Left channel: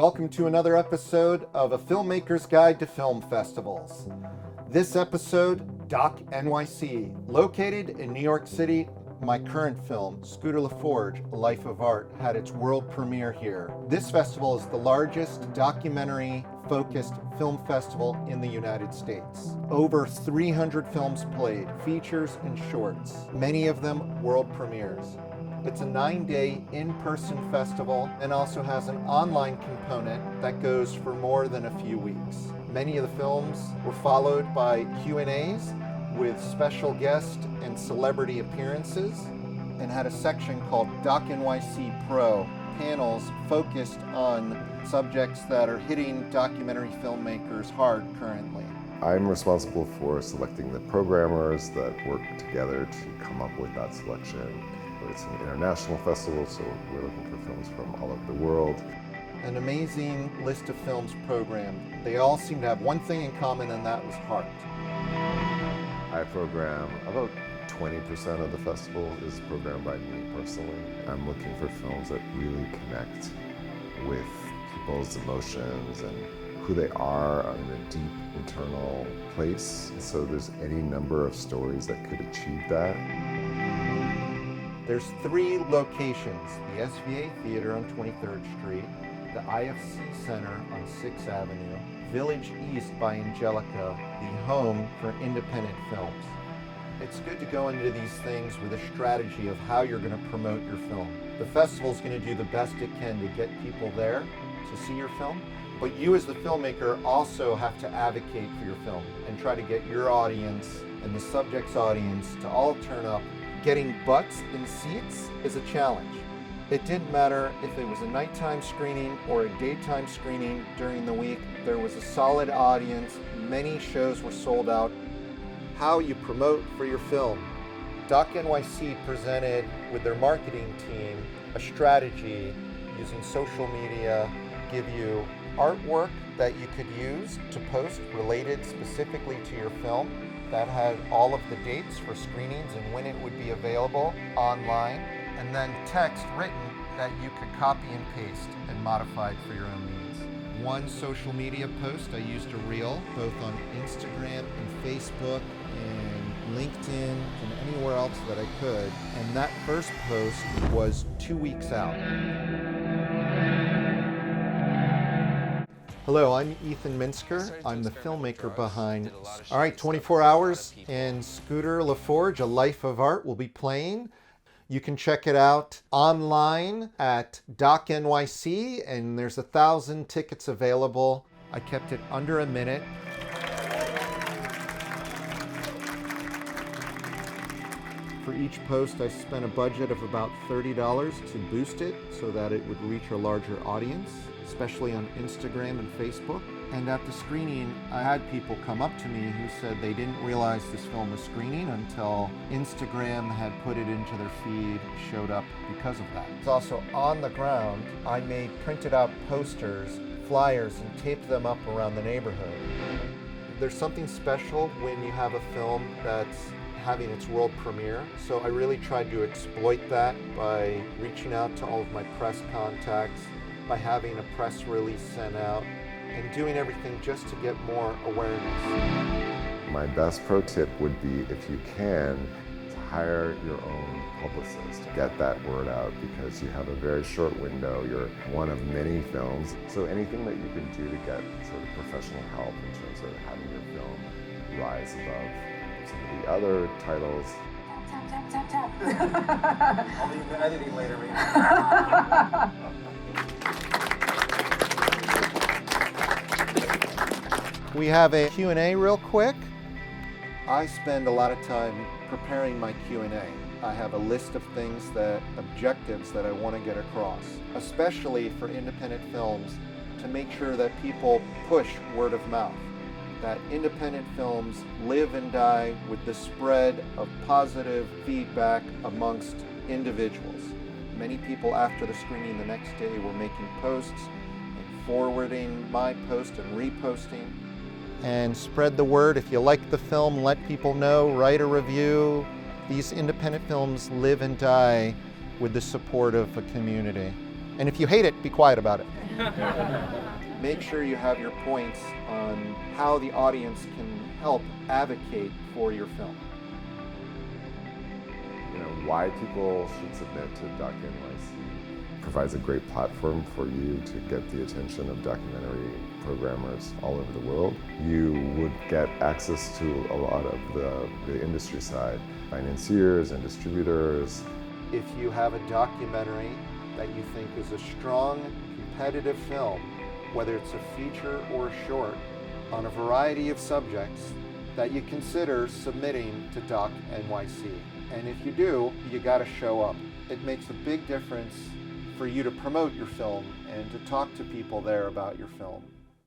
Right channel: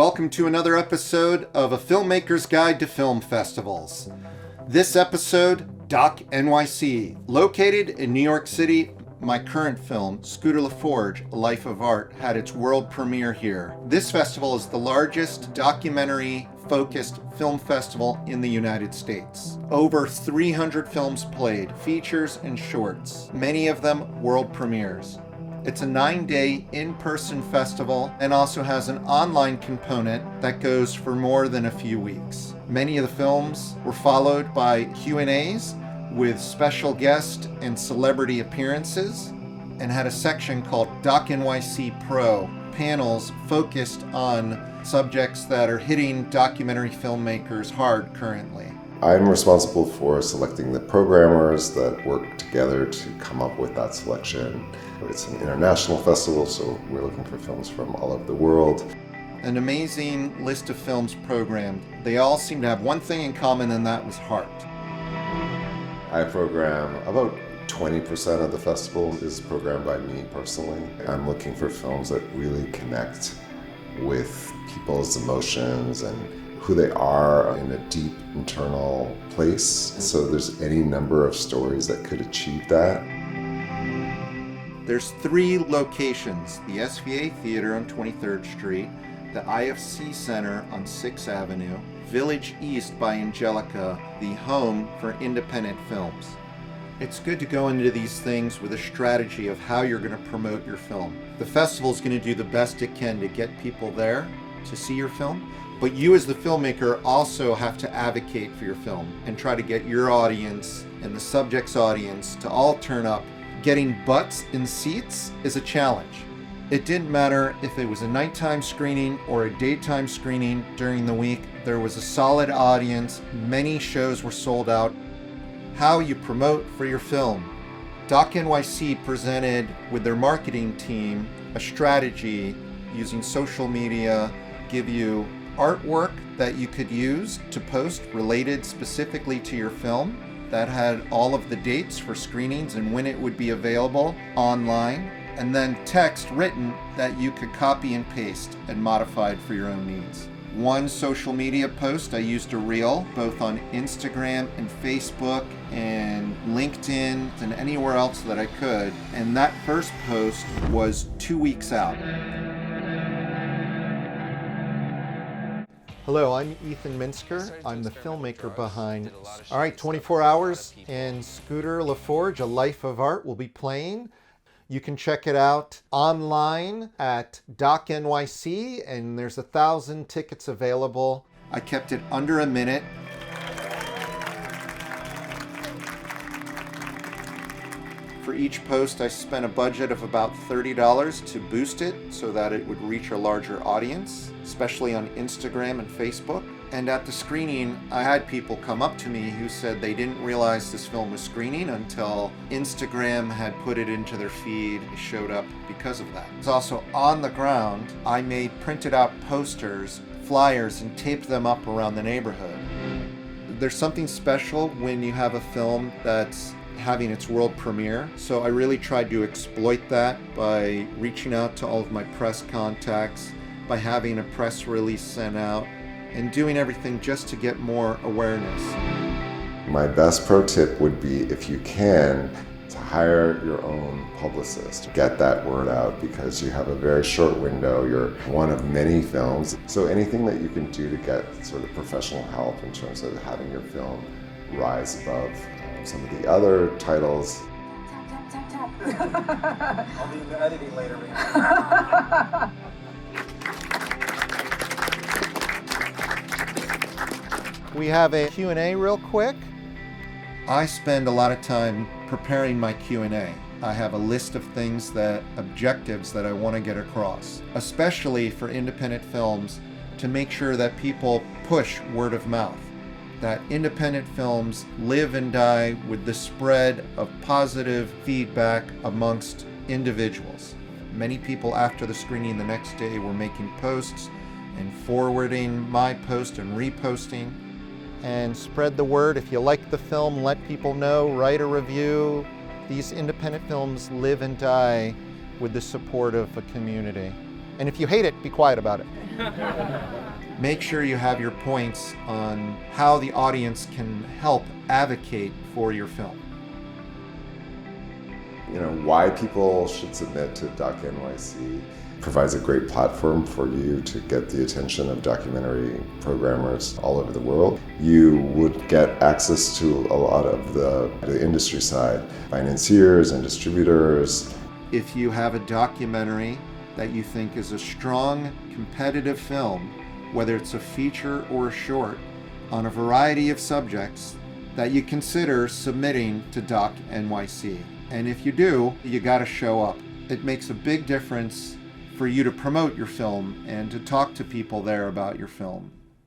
Welcome to another episode of A Filmmaker's Guide to Film Festivals. This episode, DOC NYC. Located in New York City, my current film, Scooter LaForge, A Life of Art, had its world premiere here. This festival is the largest documentary-focused film festival in the United States. Over 300 films played, features and shorts, many of them world premieres. It's a 9-day in-person festival and also has an online component that goes for more than a few weeks. Many of the films were followed by Q&As with special guest and celebrity appearances and had a section called DOC NYC Pro, panels focused on subjects that are hitting documentary filmmakers hard currently. I'm responsible for selecting the programmers that work together to come up with that selection. It's an international festival, so we're looking for films from all over the world. An amazing list of films programmed. They all seem to have one thing in common, and that was heart. I program about 20% of the festival is programmed by me personally. I'm looking for films that really connect with people's emotions and who they are in a deep internal place. So there's any number of stories that could achieve that. There's 3 locations: the SVA Theater on 23rd Street, the IFC Center on 6th Avenue, Village East by Angelica, the home for independent films. It's good to go into these things with a strategy of how you're going to promote your film. The festival's going to do the best it can to get people there to see your film, but you as the filmmaker also have to advocate for your film and try to get your audience and the subject's audience to all turn up. Getting butts in seats is a challenge. It didn't matter if it was a nighttime screening or a daytime screening during the week. There was a solid audience. Many shows were sold out. How you promote for your film. DOC NYC presented with their marketing team a strategy using social media, give you artwork that you could use to post related specifically to your film that had all of the dates for screenings and when it would be available online, and then text written that you could copy and paste and modify for your own needs. One social media post I used a reel, both on Instagram and Facebook and LinkedIn and anywhere else that I could, and that first post was 2 weeks out. Hello, I'm Ethan Minsker. I'm the filmmaker behind 24 Hours and Scooter LaForge, A Life of Art will be playing. You can check it out online at DOC NYC, and there's 1,000 tickets available. I kept it under a minute. For each post, I spent a budget of about $30 to boost it so that it would reach a larger audience, especially on Instagram and Facebook. And at the screening, I had people come up to me who said they didn't realize this film was screening until Instagram had put it into their feed and showed up because of that. It was also on the ground. I made printed out posters, flyers, and taped them up around the neighborhood. There's something special when you have a film that's having its world premiere, so I really tried to exploit that by reaching out to all of my press contacts, by having a press release sent out, and doing everything just to get more awareness. My best pro tip would be, if you can, to hire your own publicist. Get that word out because you have a very short window. You're one of many films. So anything that you can do to get sort of professional help in terms of having your film rise above some of the other titles. Tap, tap, tap. I'll be in the editing later, Rena. We have a Q&A real quick. I spend a lot of time preparing my Q&A. I have a list of objectives that I want to get across, especially for independent films, to make sure that people push word of mouth, that independent films live and die with the spread of positive feedback amongst individuals. Many people after the screening the next day were making posts and forwarding my post and reposting. And spread the word. If you like the film, let people know, write a review. These independent films live and die with the support of a community. And if you hate it, be quiet about it. Make sure you have your points on how the audience can help advocate for your film. Why people should submit to DOC NYC provides a great platform for you to get the attention of documentary programmers all over the world. You would get access to a lot of the industry side, financiers and distributors. If you have a documentary that you think is a strong, competitive film, whether it's a feature or a short, on a variety of subjects, that you consider submitting to DOC NYC. And if you do, you gotta show up. It makes a big difference for you to promote your film and to talk to people there about your film.